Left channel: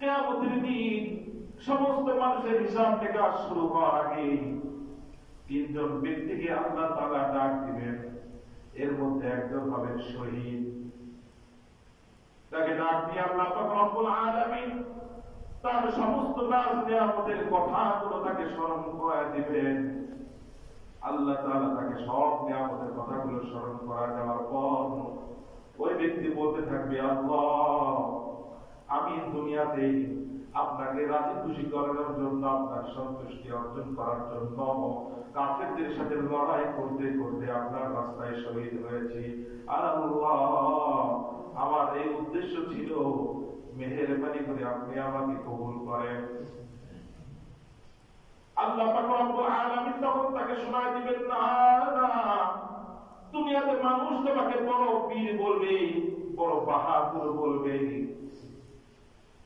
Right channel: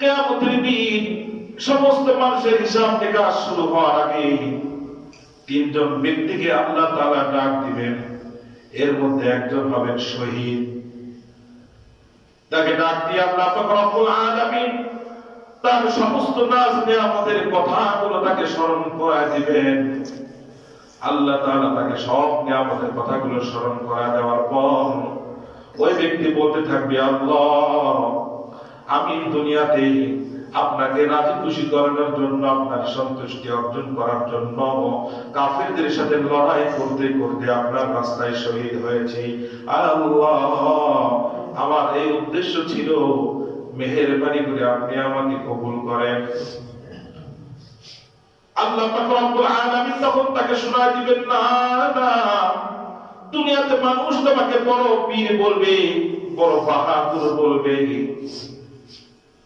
কিয়ামতের দিন সমস্ত মানুষের হিসাব নিকাশ শুরু হওয়ার আগে তিনজন ব্যক্তিকে আল্লাহ তাআলা ডাক দিবেন। এর মধ্যে একজন হবেন শহীদ। তাকে ডাক দিয়ে আল্লাহ পাক রব্বুল আলামিন তার সমস্ত নাজ নিয়ামতের কথাগুলো তাকে স্মরণ করায় দিবেন। আল্লাহ তাআলা তাকে সব নিয়ামতের কথাগুলো স্মরণ করায় দেওয়ার পর ওই ব্যক্তি বলতে থাকবে, আল্লাহ, আমি দুনিয়াতে আপনাকে রাজি খুশি করানোর জন্য, আপনার সন্তুষ্টি অর্জন করার জন্য কাফেরদের সাথে লড়াই করতে করতে আপনার রাস্তায় শহীদ হয়েছি। আল্লাহ, আমার এই উদ্দেশ্য ছিল, মেহেরবানি করে আপনি আমাকে কবুল করেন। আল্লাহ পাক রব্বুল আলামিন তখন তাকে শোনায় দিবেন, না না, দুনিয়াতে মানুষ তোমাকে বড় বীর বলবে, বড় বাহাদুর বলবে।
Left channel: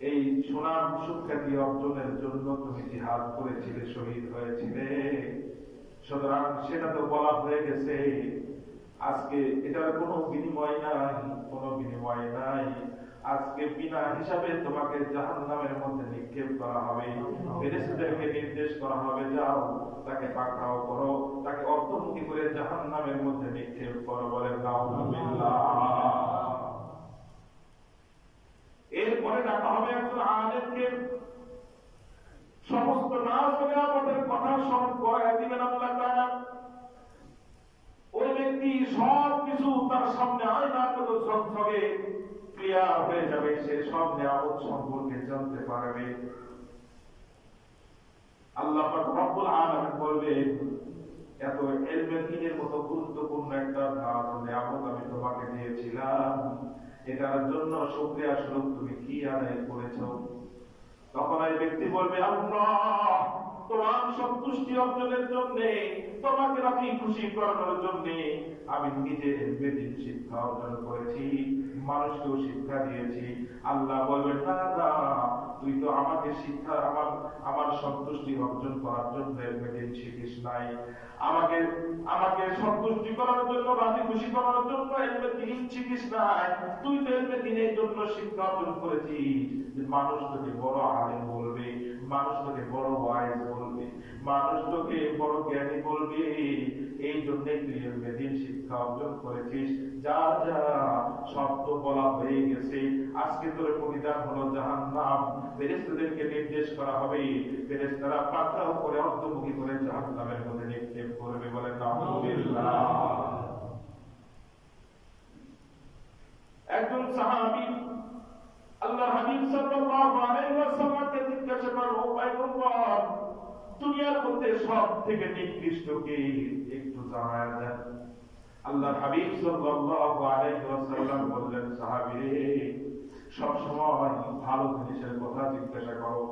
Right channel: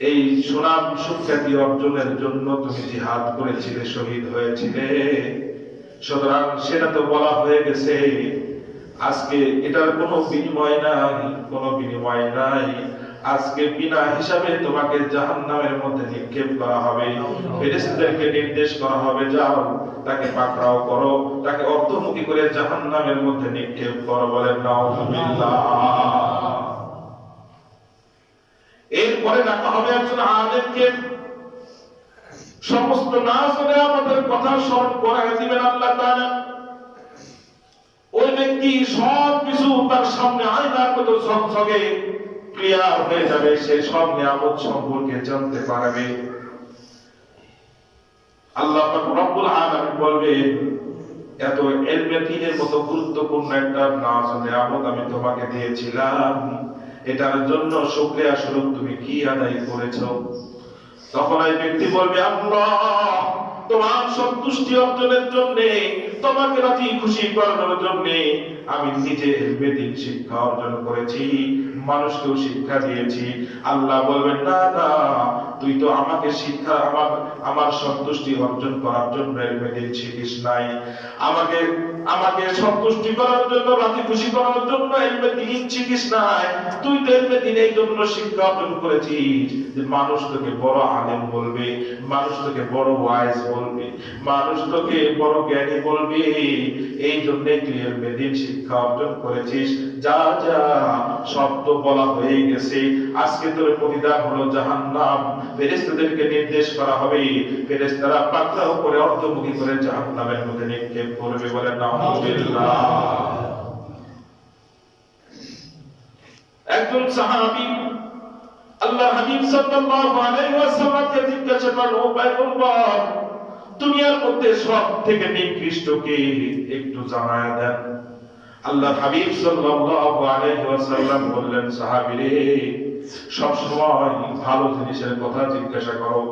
এই সুনাম সুখ্যাতি অর্জনের জন্য তুমি জিহাদ করেছিলে, শহীদ হয়েছিলে, সুতরাং সেটা তো বলা হয়ে গেছে। আজকে এটার কোনো বিনিময় নাই, কোনো বিনিময় নাই। আজকে বিনা হিসাবে তোমাকে জাহান্নামের মধ্যে নিক্ষেপ করা হবে। ফেরেশতাদেরকে নির্দেশ করা হবে, যাও তাকে পাকড়াও করো, তাকে অর্ধমুখী করে জাহান্নামের মধ্যে নিক্ষেপ করো। বলেন নাউযুবিল্লাহ। এরপরে ডাকা হবে একজন আলেমকে, সমস্ত নাজ নিয়ামতের কথা স্মরণ করায় দিবেন আল্লাহ তাআলা। ওই ব্যক্তি সবকিছু তার সামনে আয়নার মতো ঝকঝকে ক্লিয়ার হয়ে যাবে, সে সব নিয়ামত সম্পর্কে জানতে পারবে। আল্লাহ পাক রব্বুল আলামিন বলবেন, এত ইলমে দ্বীনের মতো গুরুত্বপূর্ণ একটা নাজ নিয়ামত আমি তোমাকে দিয়েছিলাম, এটার জন্য শুকরিয়া স্বরূপ তুমি কি আদায় করেছো? তখন এই ব্যক্তি বলবে, আল্লাহ, তোমার সন্তুষ্টি অর্জনের জন্য, তোমাকে রাজি খুশি করানোর জন্য আমি নিজে ইলমে দ্বীন শিক্ষা অর্জন করেছি, মানুষকেও শিক্ষা দিয়েছি। আল্লাহ বলবেন, না না, তুই তো আমাকে শিক্ষা, আমার সন্তুষ্টি অর্জন করার জন্য ইলমে দ্বীন শিখিস নাই, আমাকে সন্তুষ্টি করার জন্য, রাজি খুশি করার জন্য ইলমে দ্বীন শিখিস নাই। তুই তো ইলমে দ্বীনের জন্য শিক্ষা অর্জন করেছিস যে মানুষ তোকে বড় আলেম বলবে, মানুষ তোকে বড় ওয়াইজ বলবে, মানুষ তোকে বড় জ্ঞানী বলবে। এই জন্য তুই ইলমে দ্বীন শিক্ষা অর্জন করেছিস। যা যা, সব তো বলা হয়ে গেছে। আজকে তোর প্রতিদান হলো জাহান্নাম। ফেরেশতাদেরকে নির্দেশ করা হবে, ফেরেশতারা পাকড়াও করে অর্ধমুখী করে জাহান্নামের মধ্যে নিক্ষেপ করবে। বলেন নাউযুবিল্লাহ। একজন সাহাবী আল্লাহর হাবিব সাল্লাল্লাহু আলাইহি ওয়াসাল্লামকে জিজ্ঞাসা করল, ও পয়গম্বর, দুনিয়ার মধ্যে সবথেকে নিকৃষ্ট কে, একটু জানায়া দেন। আল্লাহর হাবিব সাল্লাল্লাহু আলাইহি ওয়াসাল্লাম বললেন, সাহাবী রে, সব সময় ভালো জিনিসের কথা জিজ্ঞাসা করো,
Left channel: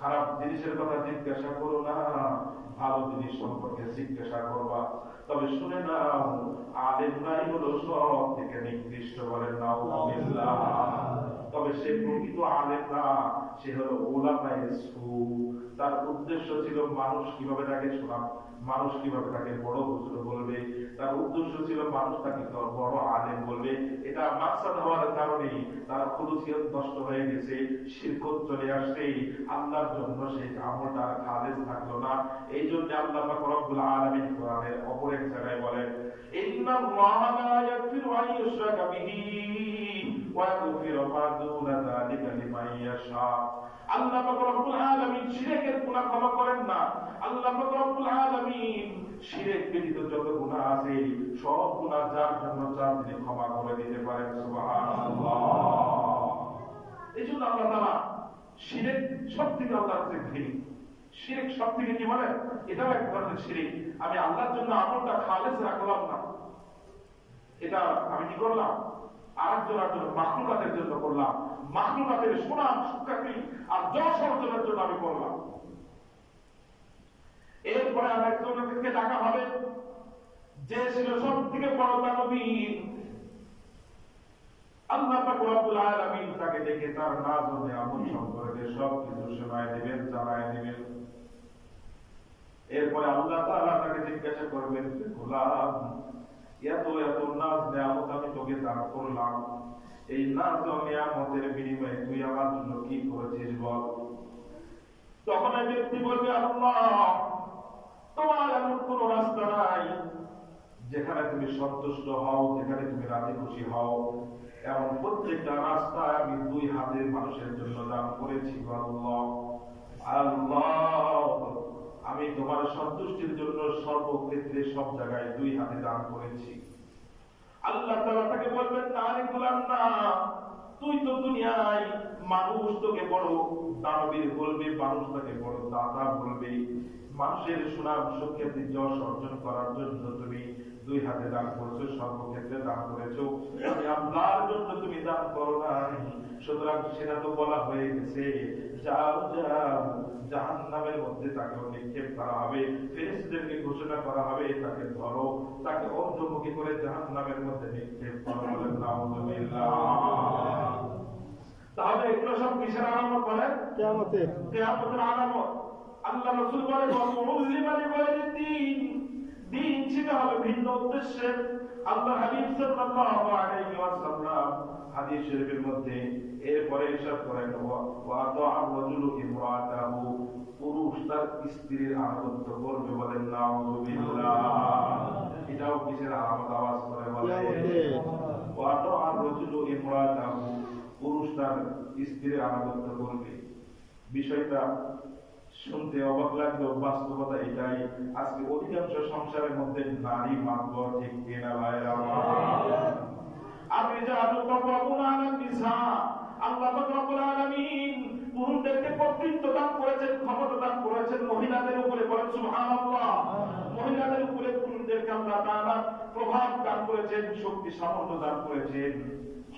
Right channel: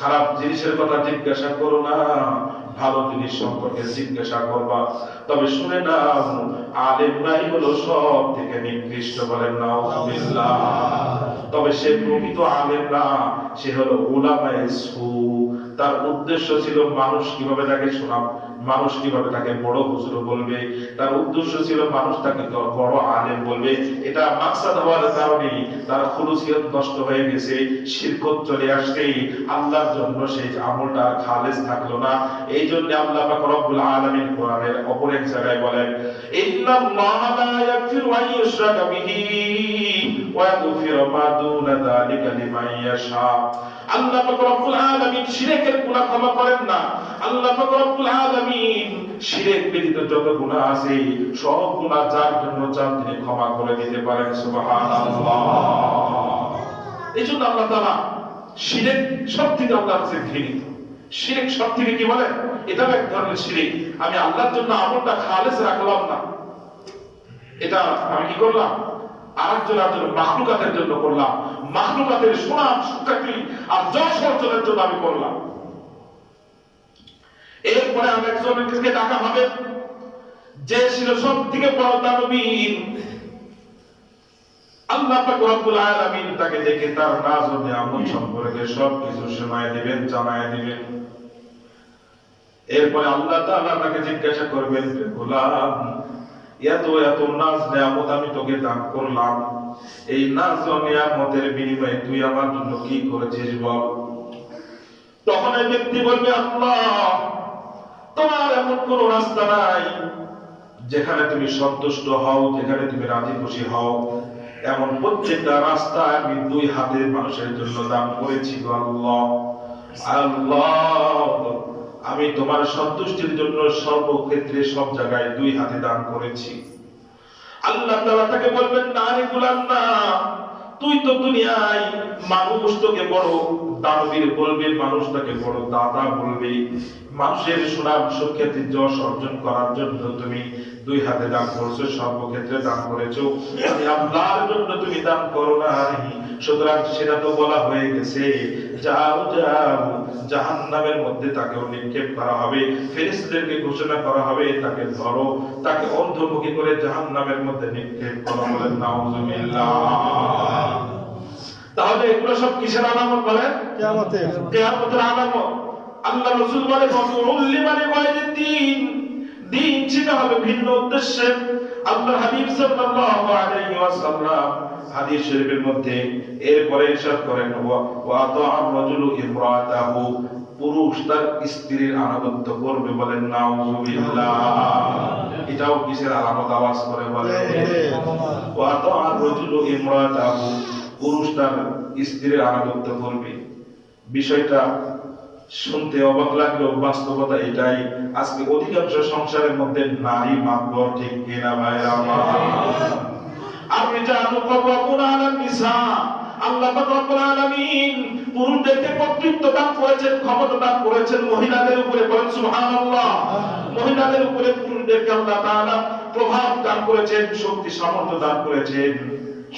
খারাপ জিনিসের কথা জিজ্ঞাসা করো না, ভালো জিনিস সম্পর্কে জিজ্ঞাসা করবা। তবে শুনে নাও, আলেমরাই হলো সব থেকে নিকৃষ্ট। বলেন নাউযুবিল্লাহ। তবে সে প্রকৃত আলেম না, সে হলো উলামায়ে সু। তার উদ্দেশ্য ছিল মানুষ কিভাবে তাকে শোনাবে, মানুষ কিভাবে তাকে বড় হুজুর বলবে, তার উদ্দেশ্য ছিল মানুষ তাকে বড় আলেম বলবে। এটা মাকসাদ হওয়ার কারণে তার খুলুসিয়ত নষ্ট হয়ে গেছে, শিরকত চলে আসছে, আল্লাহর জন্য সেই আমলটা খালেস থাকলো না। এই জন্য আল্লাহ পাক রব্বুল আলামিন কোরআনের অপর এক জায়গায় বলেন, ইন্নাল্লাহা লা ইয়াগফিরু আন ইউশরাকা বিহি ওয়া ইয়াগফিরু মা দুনা যালিকা লিমান ইয়াশা। আল্লাহ পাক রব্বুল আলামিন শিরকের গুনাহ ক্ষমা করেন না। আল্লাহ পাক রব্বুল আলামিন শিরক ব্যতীত যত গুনাহ আছে সব গুনাহ যার জন্য চান তিনি ক্ষমা করে দিতে পারেন। সুবহানাল্লাহ। এইজন্য আল্লাহ তাআলা শিরক সবথেকে আল্লাহর কাছে ঘৃণিত। শিরক সবথেকে কি বলে, এটা এক ধরনের শিরক। আমি আল্লাহর জন্য আমলটা খালেস রাখলাম না, এটা আমি কি করলাম, আরেকজনের জন্য, মাখলুকাতের জন্য করলাম, মাখলুকাতের সুনাম সুখ্যাতি আর যশ অর্জনের জন্য আমি করলাম। এরপরে আরেকজনকে ডাকা হবে, যে ছিল সব থেকে বড় দানবীর। আল্লাহ পাক রব্বুল আলামিন তাকে দেখে তার নাজ ও নিয়ামত সম্পর্কে সবকিছু শোনায় দিবেন, জানায় দিবেন। এরপরে আল্লাহ তাআলা তাকে জিজ্ঞাসা করবেন, গোলাম, এত এত নাজ নিয়ামত আমি তোকে দান করলাম, এই নাজ ও নিয়ামতের বিনিময়ে তুই আমার জন্য কি করেছিস বল। তখন এই ব্যক্তি বলবে, আল্লাহ, তোমার এমন কোন রাস্তা নাই যেখানে তুমি সন্তুষ্ট হও, যেখানে তুমি রাজি খুশি হও, এমন প্রত্যেকটা রাস্তা আমি দুই হাতে মানুষের জন্য দান করেছি গো আল্লাহ। আল্লাহ, আমি তোমার সন্তুষ্টির জন্য সর্বক্ষেত্রে সব জায়গায় দুই হাতে দান করেছি। আল্লাহ তাআলা তাকে বলবেন, না রে গোলাম, না, তুই তো দুনিয়ায় মানুষ তোকে বড় দানবীর বলবে, মানুষ তাকে বড় দাতা বলবে, মানুষের সুনাম সুখ্যাতি যশ অর্জন করার জন্য তুমি দুই হাতে দান করছো, সর্বক্ষেত্রে দান করেছো, আমি আল্লাহর জন্য তুমি দান করো নাই। সুতরাং সেটা তো বলা হয়ে গেছে, যাও যাও, জাহান্নামের মধ্যে তাকে নিক্ষেপ করা হবে, ফেরেশতাদেরকে ঘোষণা করা হবে, তাকে ধরো, তাকে অন্ধমুখী করে জাহান্নামের মধ্যে নিক্ষেপ করা। বলেন নাউযুবিল্লাহ। তাহলে এগুলো সব কিসের আলামত বলেন? কিয়ামতের। কিয়ামতের আলামত। আল্লাহ রাসূল বলে, ফাতুল্লিমানি গায়রিদ দ্বীন, দ্বীন শেখা হবে ভিন্ন উদ্দেশ্যে। আল্লাহ হাবিব সাল্লাল্লাহু আলাইহি ওয়াসাল্লাম হাদিস শরীফের মধ্যে এরপরে ইরশাদ করেন, ওয়া তা'আর রাজুলু ইমরাতাহু, পুরুষ তার স্ত্রীর আনুগত্য করবে। বলেন নাউযুবিল্লাহ। এটাও কিসের আলামত? আওয়াজ করে বলেন, ওয়া তা'আর রাজুলু ইমরাতাহু, পুরুষ তার স্ত্রীর আনুগত্য করবে। বিষয়টা শুনতে অবাক লাগলেও বাস্তবতা এটাই। আজকে অধিকাংশ সংসারের মধ্যে নারী মাত্র, ঠিক কিনা ভাইরা আমার? আর-রিজালু কওয়ামুনা আলান নিসা, আল্লাহ পাক রব্বুল আলামিন পুরুষদেরকে কর্তৃত্ব দান করেছেন, ক্ষমতা দান করেছেন মহিলাদের উপরে। বলেন সুবহানাল্লাহ। মহিলাদের উপরে পুরুষদেরকে আল্লাহ তাআলা প্রভাব দান করেছেন, শক্তি সামর্থ্য দান করেছেন।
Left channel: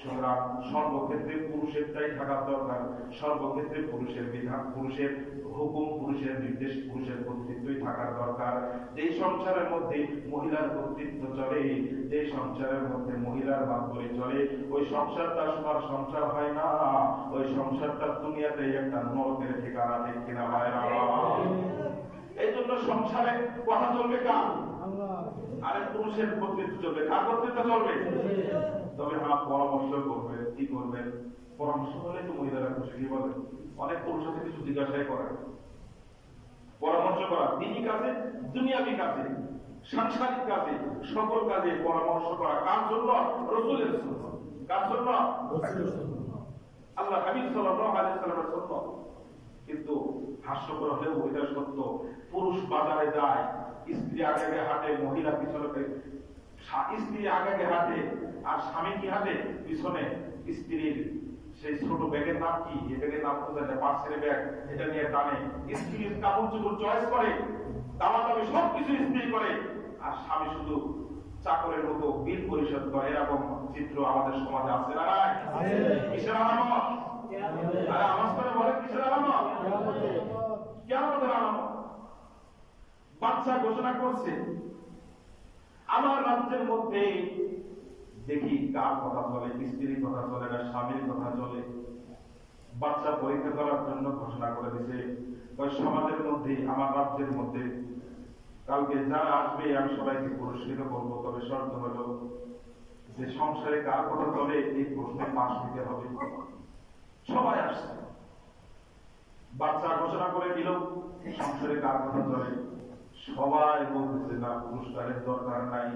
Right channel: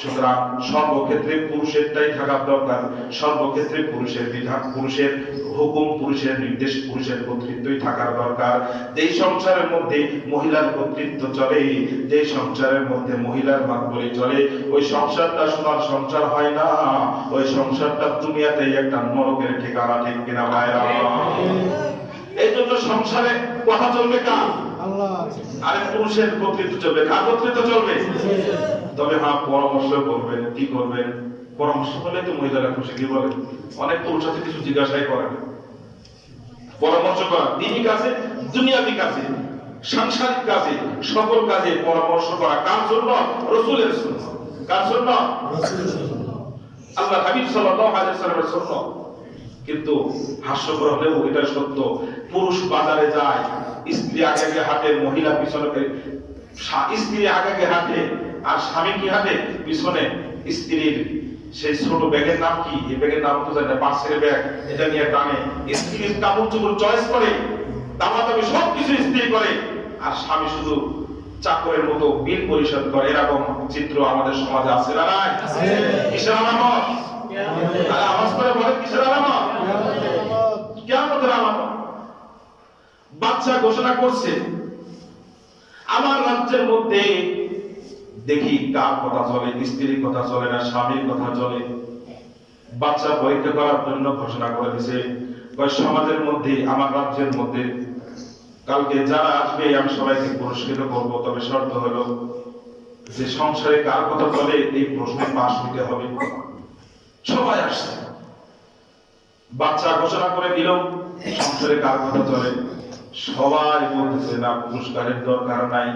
সুতরাং সর্বক্ষেত্রে পুরুষেরটাই থাকা দরকার, সর্বক্ষেত্রে পুরুষের বিধান, পুরুষের হুকুম, পুরুষের নির্দেশ, পুরুষের কর্তৃত্বই থাকার দরকার। যেই সংসারের মধ্যে মহিলার কর্তৃত্ব চলে, যেই সংসারের মধ্যে মহিলার মাতবরি চলে, ওই সংসারটা সোনার সংসার হয় না, ওই সংসারটা দুনিয়াতেই একটা নরকের ঠিকানা। ঠিক কিনা ভাইরা? এই জন্য সংসারে কথা চলবে কার? আরে পুরুষের কর্তৃত্ব চলবে। কার কর্তৃত্ব চলবে? তবে হ্যাঁ, পরামর্শ করবেন। কি করবেন? পরামর্শ করলে তো মহিলারা খুশি। কি বলে? অনেক পুরুষ আছে কিছু জিজ্ঞাসাই করে না। পরামর্শ করা দিনই কাজে, দুনিয়াবি কাজে, সাংসারিক কাজে, সকল কাজে পরামর্শ করা কার জন্য? রাসূলের সুন্নাহ। কার জন্য? রাসূলের সুন্নাহ, আল্লাহ হাবিব সাল্লাল্লাহু আলাইহি ওয়াসাল্লামের সুন্নাহ। কিন্তু হাস্যকর হলেও এটা সত্য, পুরুষ বাজারে যায়, স্ত্রী আগে আগে হাঁটে, মহিলা পিছনে, স্ত্রী আগে আগে হাঁটে আর স্বামী কি হাঁটে পিছনে। স্ত্রীর সেই ছোট ব্যাগের নাম কি? এই ব্যাগের নাম তো জানি না, পার্সেলের ব্যাগ, এটা নিয়ে টানে। স্ত্রীর কাপড় চোপড় চয়েস করে, দামাদামি সবকিছু স্ত্রী করে, আর স্বামী শুধু চাকরের মতো বিল পরিশোধ করে। এরকম চিত্র আমাদের সমাজে আছে না নাই? কিসের আলামত? আওয়াজ করে বলে, কিসের আলামত? কিয়ামতের আলামত। বাচ্চা ঘোষণা করছে, আমার রাজ্যের মধ্যে দেখি কার কথা চলে, স্ত্রীর কথা চলে না, স্বামীর কথা চলে। বাচ্চা পরীক্ষা করার জন্য ঘোষণা করে দিয়েছে, সমাজের মধ্যে, আমার রাজ্যের মধ্যে কালকে যারা আসবে আমি সবাইকে পুরস্কৃত করব, তবে শর্ত হলো যে সংসারে কার কথা চলে এই প্রশ্নে পাশ হতে হবে। সবাই আসছে, বাচ্চা ঘোষণা করে দিল সংসারে কার কথা চলে। সবাই বলতেছে, না, পুরস্কারের দরকার নাই,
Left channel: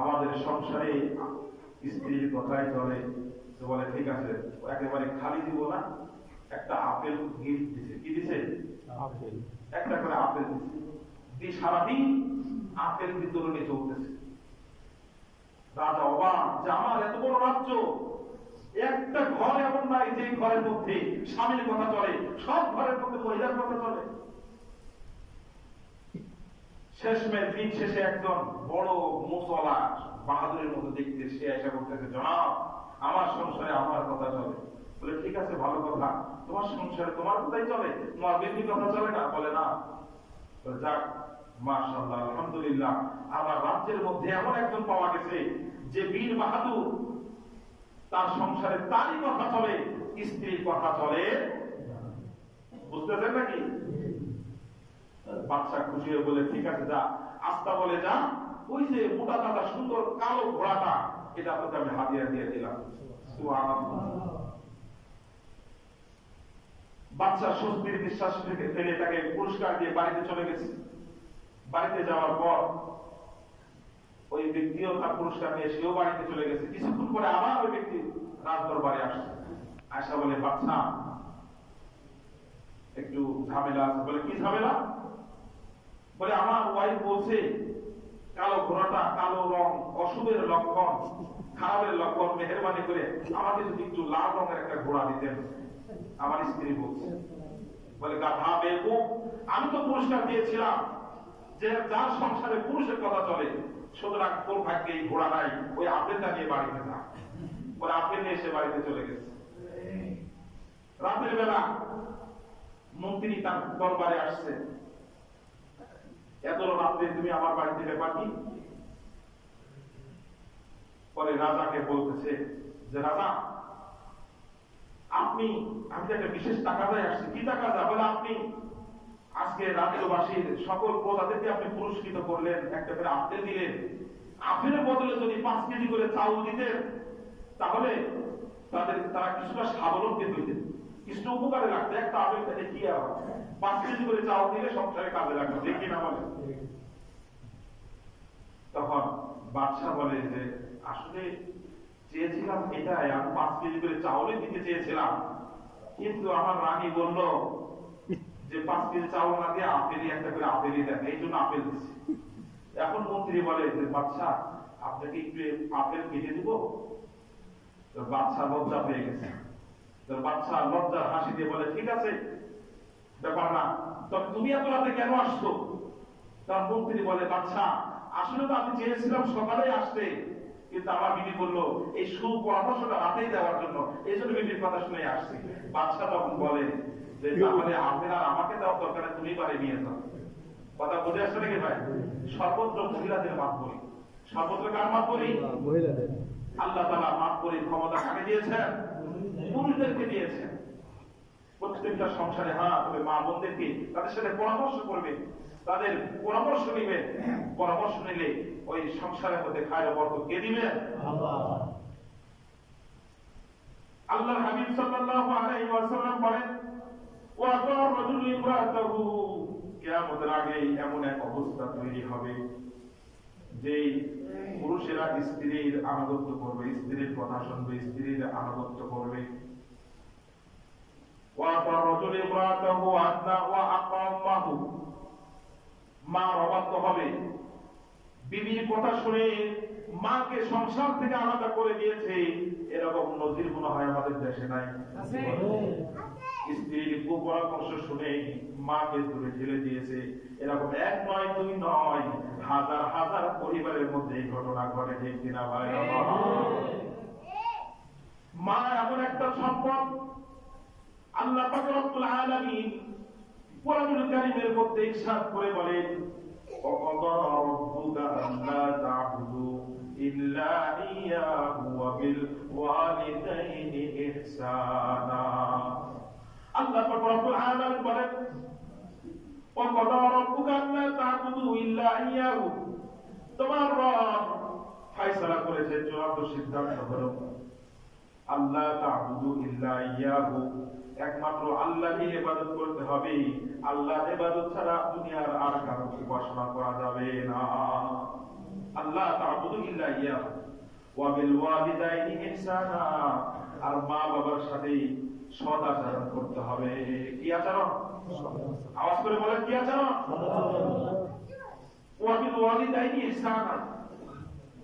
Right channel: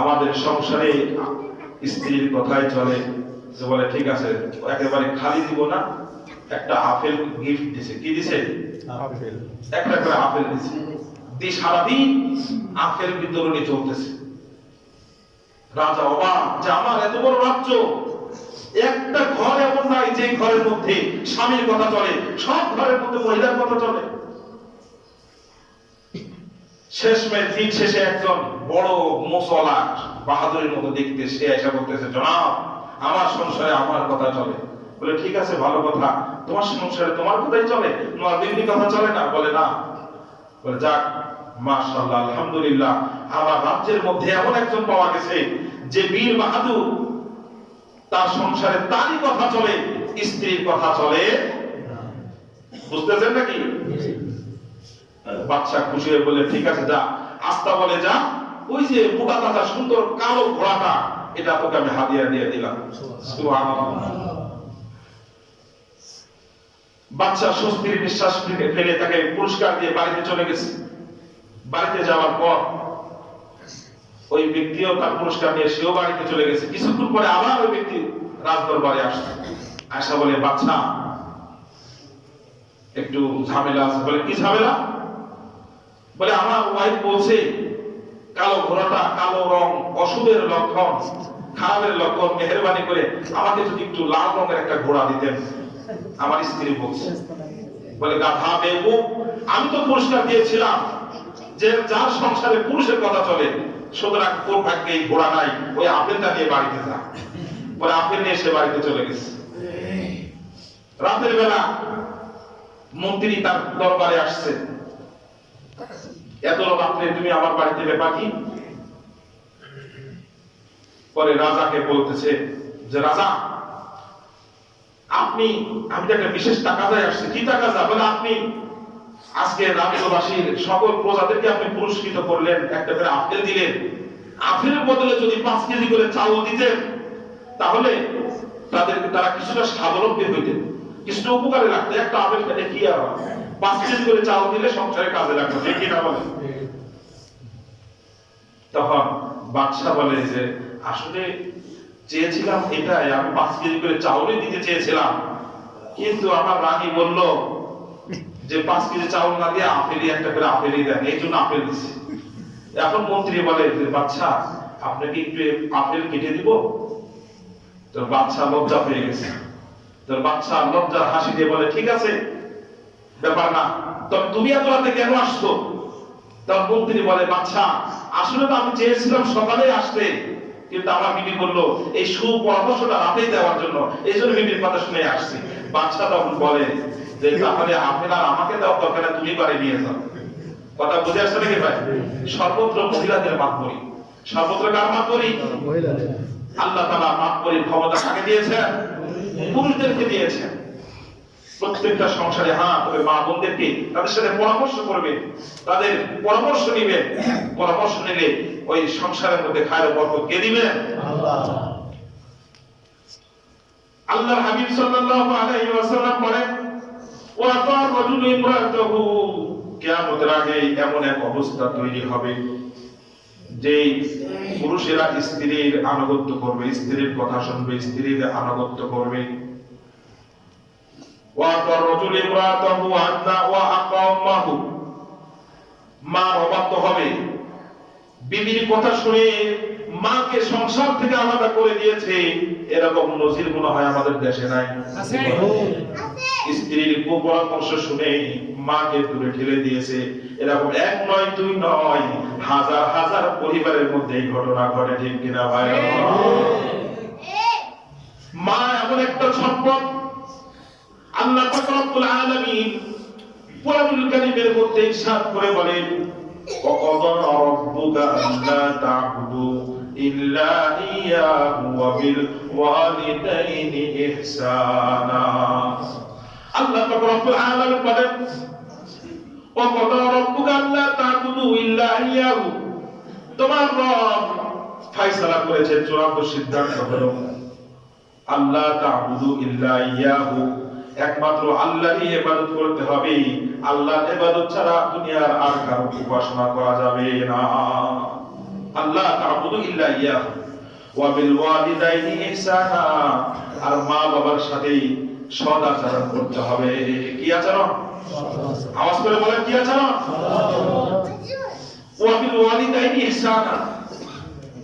আমাদের সংসারে স্ত্রীর কথাই চলে। বলে ঠিক আছে, একেবারে খালি দিব না, একটা আপেল গিফট দিছে। কি দিছে? আপেল। একটা করে আপেল দিছে। সারাদিন আপেল বিতরণী চলতেছে। রাজা অবাক যে আমার এত বড় রাজ্য, একটা ঘর এমন নাই যে ঘরের মধ্যে স্বামীর কথা চলে, সব ঘরের মধ্যে মহিলার কথা চলে। শেষমেশ দিন শেষে একজন বড় মুসলা বাহাদুরের মতো দেখতে সে এসে বলতেছে, জনাব, আমার সংসারে আমার কথা চলে। বলে ঠিক আছে, ভালো কথা, তোমার সংসারে তোমার কথাই চলে, তোমার বিবি কথা চলে না? বলে না। বলে যাক, মাশাআল্লাহ, আলহামদুলিল্লাহ, আমার রাজ্যের মধ্যে এমন একজন পাওয়া গেছে যে বীর বাহাদুর, তার সংসারে তারই কথা চলে, স্ত্রীর কথা চলে না। বুঝতেছেন নাকি? বাচ্চা খুশি হয়ে বলে ঠিক আছে, যা, আস্তা বলে যা, ওই যে মোটা তাজা সুন্দর কালো ঘোড়াটা এটা তোকে আমি হাদিয়া দিয়ে দিলাম। সুবহানাল্লাহ। বাচ্চা স্বস্তির নিঃশ্বাস ফেলে তাকে পুরস্কার দিয়ে বাড়িতে চলে গেছে। বাড়িতে যাওয়ার পর ওই ব্যক্তিও তার পুরস্কার নিয়ে সেও বাড়িতে চলে গেছে। কিছুক্ষণ পরে আবার ওই ব্যক্তি রাজদরবারে আসছে। আয়সা বলে, বাচ্চা একটু ঝামেলা আছে। বলে, কি ঝামেলা? বলে, আমার ওয়াইফ বলছে কালো ঘোড়াটা, কালো রং অশুভের লক্ষণ, খারাপের লক্ষণ, মেহেরবানি করে আমাকে যদি একটু লাল রঙের একটা ঘোড়া দিতেন। আমার স্ত্রী বলছে। বলে, গাধা বেকুব, আমি তো পুরস্কার দিয়েছিলাম যে যার সংসারে পুরুষের কথা চলে, সুতরাং তোর ভাগ্যে এই ঘোড়া নাই, ওই আপেলটা নিয়ে বাড়িতে যা। বলে, আপেল নিয়ে সে বাড়িতে চলে গেছে। রাতের বেলা মন্ত্রী তার দরবারে আসছে। এত রাত্রে তুমি আমার বাড়িতে ব্যাপার কি? পরে রাজাকে বলতেছে যে, রাজা আমি তো একটা বিশেষ তাকাজায় আসছি। কি তাকাজা? বলে, আপনি আজকে রাজ্যবাসীর সকল প্রজাদেরকে আপনি পুরস্কৃত করলেন, একটা করে আপেল দিলেন। আপেলের বদলে যদি 5 কেজি করে চাউল দিতেন, তাহলে তারা কিছুটা স্বাবলম্বী হইতেন, কিছুটা উপকারে লাগতো। একটা আপেল খেলে কি আর 5 কেজি করে চাউল দিলে সংসারে কাজে লাগতো, ঠিক কিনা বলে? তখন বাদশা বলে যে, আসলে চেয়েছিলাম এটাই, আমি 5 কেজি করে চাউলই দিতে চেয়েছিলাম, কিন্তু আমার রানী বলল যে 5 কেজি চাউল না দিয়ে আপেলই একটা করে আপেলই দেন, এই জন্য আপেল দিচ্ছি। এখন মন্ত্রী বলে যে, বাদশা আপনাকে একটু আপেল কেটে দিব? তোর বাদশা লজ্জা পেয়ে গেছে। তোর বাদশা লজ্জার হাসি দিয়ে বলে, ঠিক আছে, ব্যাপার না, তবে তুমি এত রাতে কেন আসছো? তার মন্ত্রী বলে, বাদশা আসলে তো আমি চেয়েছিলাম সকালে আসতে, কিন্তু আমার বিবি বললো এই সুপরামর্শটা রাতেই দেওয়ার জন্য, এই জন্য বিবির কথা শুনে আসছি। বাদশা তখন বলে যে, তাহলে আপনি আর আমাকে দাও দরকার না, তুমি বাড়ি নিয়ে যাও। কথা বুঝে আসছে নাকি ভাই? সর্বত্র মহিলাদের মাতবরি, সর্বত্র কার মাতবরি? মহিলাদের। আল্লাহ তাআলা মাতবরির ক্ষমতা কাকে দিয়েছেন? পুরুষদেরকে দিয়েছেন। প্রত্যেকটা সংসারে তবে মা বোনদেরকে তাদের সাথে পরামর্শ করবে, তাদের পরামর্শ নিবে। পরামর্শ নিলে ওই সংসারের মধ্যে খায়ের বরকত কে দিবেন? আল্লাহ। আল্লাহর হাবিব সাল্লাল্লাহু আলাইহি ওয়াসাল্লাম বলেন, ওয়া তার রাজুলু ইমরাতাহু, কিয়ামতের আগে এমন এক অবস্থা তৈরি হবে যে পুরুষেরা স্ত্রীর আনুগত্য করবে, স্ত্রীর কথা শুনবে, স্ত্রীর আনুগত্য করবে। মা অবাধ্য হবে, বিবির কথা শুনে মাকে সংসার থেকে আলাদা করে দিয়েছে, এরকম নজির মনে হয় আমাদের দেশে নাই। স্ত্রীর কুপরামর্শ শুনে মাকে দূরে ঠেলে দিয়েছে, এরকম 1 নয় 2 নয়, হাজার হাজার পরিবারের মধ্যে এই ঘটনা ঘটে, ঠিক কিনা ভাই? মা এমন একটা সম্পদ, আল্লাহ পাক রব্বুল আলামিন কোরআনুল কারীমের মধ্যে ইরশাদ করে বলেন, ওয়াকাদা রাব্বুকা আল্লা তা'বুদু ইল্লা ইয়্যাহু ওয়া বিল ওয়ালিদাইনি ইহসানা। আল্লাহ পাক রব্বুল আলামিন বলেন, ওয়াকাদা রাব্বুকা আল্লা তা'বুদু ইল্লা ইয়্যাহু, তোমার রব ফয়সালা করেছে, চূড়ান্ত সিদ্ধান্ত হলো আল্লাহ তা'বুদু ইল্লা ইয়্যাহু, একমাত্র আল্লাহরই ইবাদত করতে হবে, আল্লাহর ইবাদত ছাড়া দুনিয়ার আর কারো উপাসনা করা যাবে না। আল্লাহ তা'বুদু ইল্লা ইয়্যাহু ওয়া বিল ওয়ালিদাইনি ইহসানা, আর মা বাবার সাথে সৎ আচরণ করতে হবে। কি আচরণ? আওয়াজ করে বলেন, কি আচরণ? ওয়া বিল ওয়ালিদাইনি ইহসানা।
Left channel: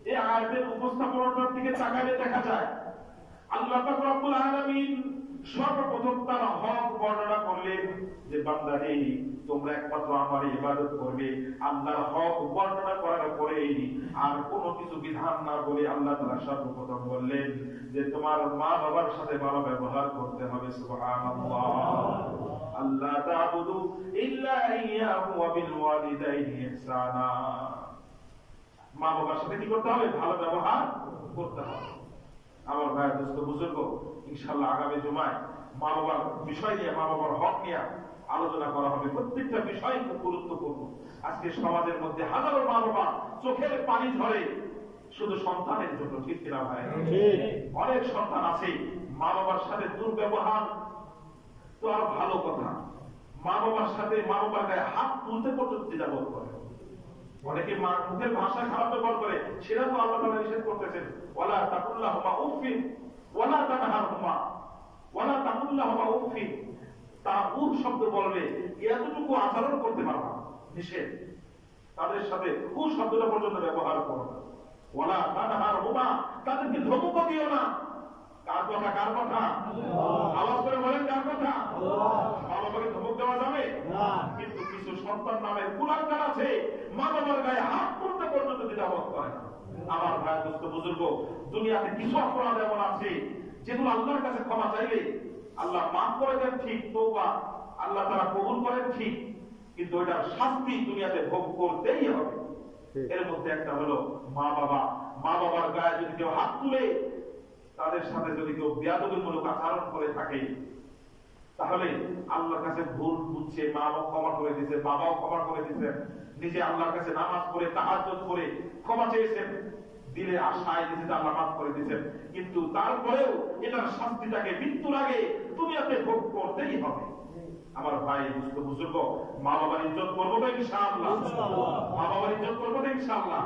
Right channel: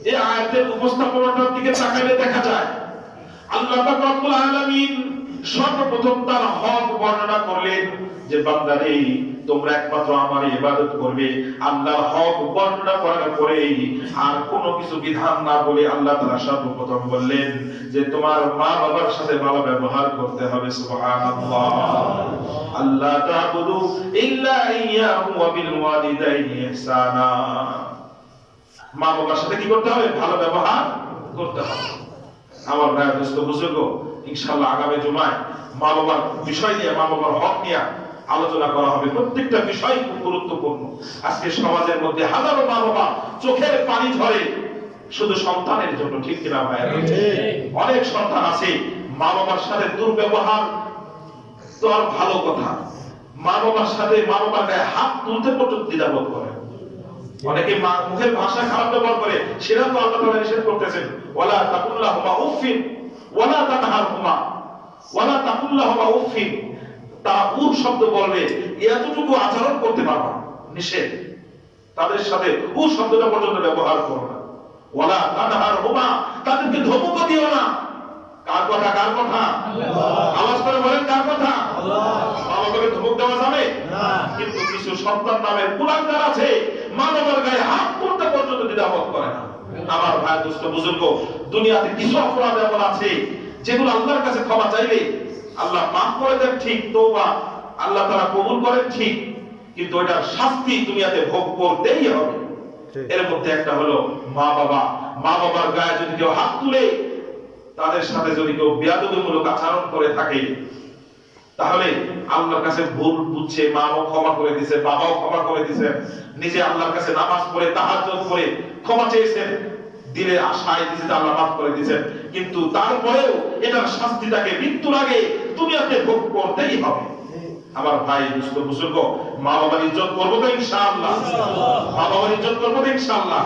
এই আয়াতের উপস্থাপনার দিকে তাকালে দেখা যায় আল্লাহ পাক রব্বুল আলামিন সর্বপ্রথম তার হক বর্ণনা করলেন যে, বান্দারে তোমরা একমাত্র আমার ইবাদত করবে। আল্লাহর হক বর্ণনা করার পরে আর কোনো কিছু বিধান না বলে আল্লাহ তাআলা সর্বপ্রথম বললেন যে তোমার মা বাবার সাথে ভালো ব্যবহার করতে হবে। সুবহানাল্লাহ। আল্লাহ তা'বুদু ইল্লা ইয়্যাহু ওয়া বিল ওয়ালিদাইনি ইহসানা। মা বাবার সাথে কি করতে হবে? ভালো ব্যবহার করতে হবে। আমার ভাই দোস্ত বুজুর্গ, ইনশাআল্লাহ আগামী জুমায় মা বাবার বিষয় নিয়ে, মা বাবার হক নিয়ে আলোচনা করা হবে। প্রত্যেকটা বিষয় খুব গুরুত্বপূর্ণ। আজকে সমাজের মধ্যে হাজারো মা বাবা চোখের পানি ঝরে শুধু সন্তানের জন্য, ঠিক কিনা ভাই? অনেক সন্তান আছে মা বাবার সাথে দুর্ব্যবহার তো আর ভালো কথা, মা বাবার সাথে মা বাবার গায়ে হাত তুলতে পর্যন্ত দ্বিধাবোধ করে। অনেকে মুখের ভাষা খারাপ ব্যবহার করে, সেটা তো আল্লাহ তাআলা নিষেধ করতেছেন, ওয়ালা তাকুল্লাহুমা উফিন ওয়ালা তানহারহুমা ওয়ালা তাকুল্লাহুমা উফিন। তারা উফ শব্দ বলবে, এতটুকু আচরণ করতে পারবা, নিষেধ। তাদের সাথে উফ শব্দটা পর্যন্ত ব্যবহার করো না। ওয়ালা তানহারহুমা, তাদেরকে ধমকও দিও না। কার কথা? কার কথা? আওয়াজ করে বলেন, কার কথা? মা বাবাকে ধমক দেওয়া যাবে না, কিন্তু কিছু সন্তান নামের কুলাঙ্গার আছে, মা বাবার গায়ে হাত তুলতে পর্যন্ত দ্বিধাবোধ করে না। আমার ভাই, দোস্ত, বুজুর্গ, দুনিয়াতে কিছু অপরাধ এমন আছে যেগুলো আল্লাহর কাছে ক্ষমা চাইলে আল্লাহ মাফ করে দেন, ঠিক, তওবা আল্লাহ তাআলা কবুল করেন, ঠিক, কিন্তু ওটার শাস্তি দুনিয়াতে ভোগ করতেই হবে। এর মধ্যে একটা হলো মা বাবা। মা বাবার গায়ে যদি কেউ হাত তুলে, তাদের সাথে যদি কেউ বেয়াদবিমূলক আচরণ করে থাকে, তাহলে আল্লাহর কাছে ভুল বুঝছে, মাও ক্ষমা করে দিয়েছে, বাবাও ক্ষমা করে দিয়েছে, নিজে আল্লাহর কাছে নামাজ পড়ে তাহাজ্জুদ করে ক্ষমা চেয়েছেন, দিলে আশায় দিয়েছে আল্লাহ মাফ করে দিয়েছেন, কিন্তু তারপরেও এটার শাস্তিটাকে মৃত্যুর আগে দুনিয়াতে ভোগ করতেই হবে। আমার ভাই, দোস্ত, বুজুর্গ, মা বাবার ইজ্জত করবো তো ইনশাআল্লাহ, মা বাবার ইজ্জত করবো তো ইনশাআল্লাহ।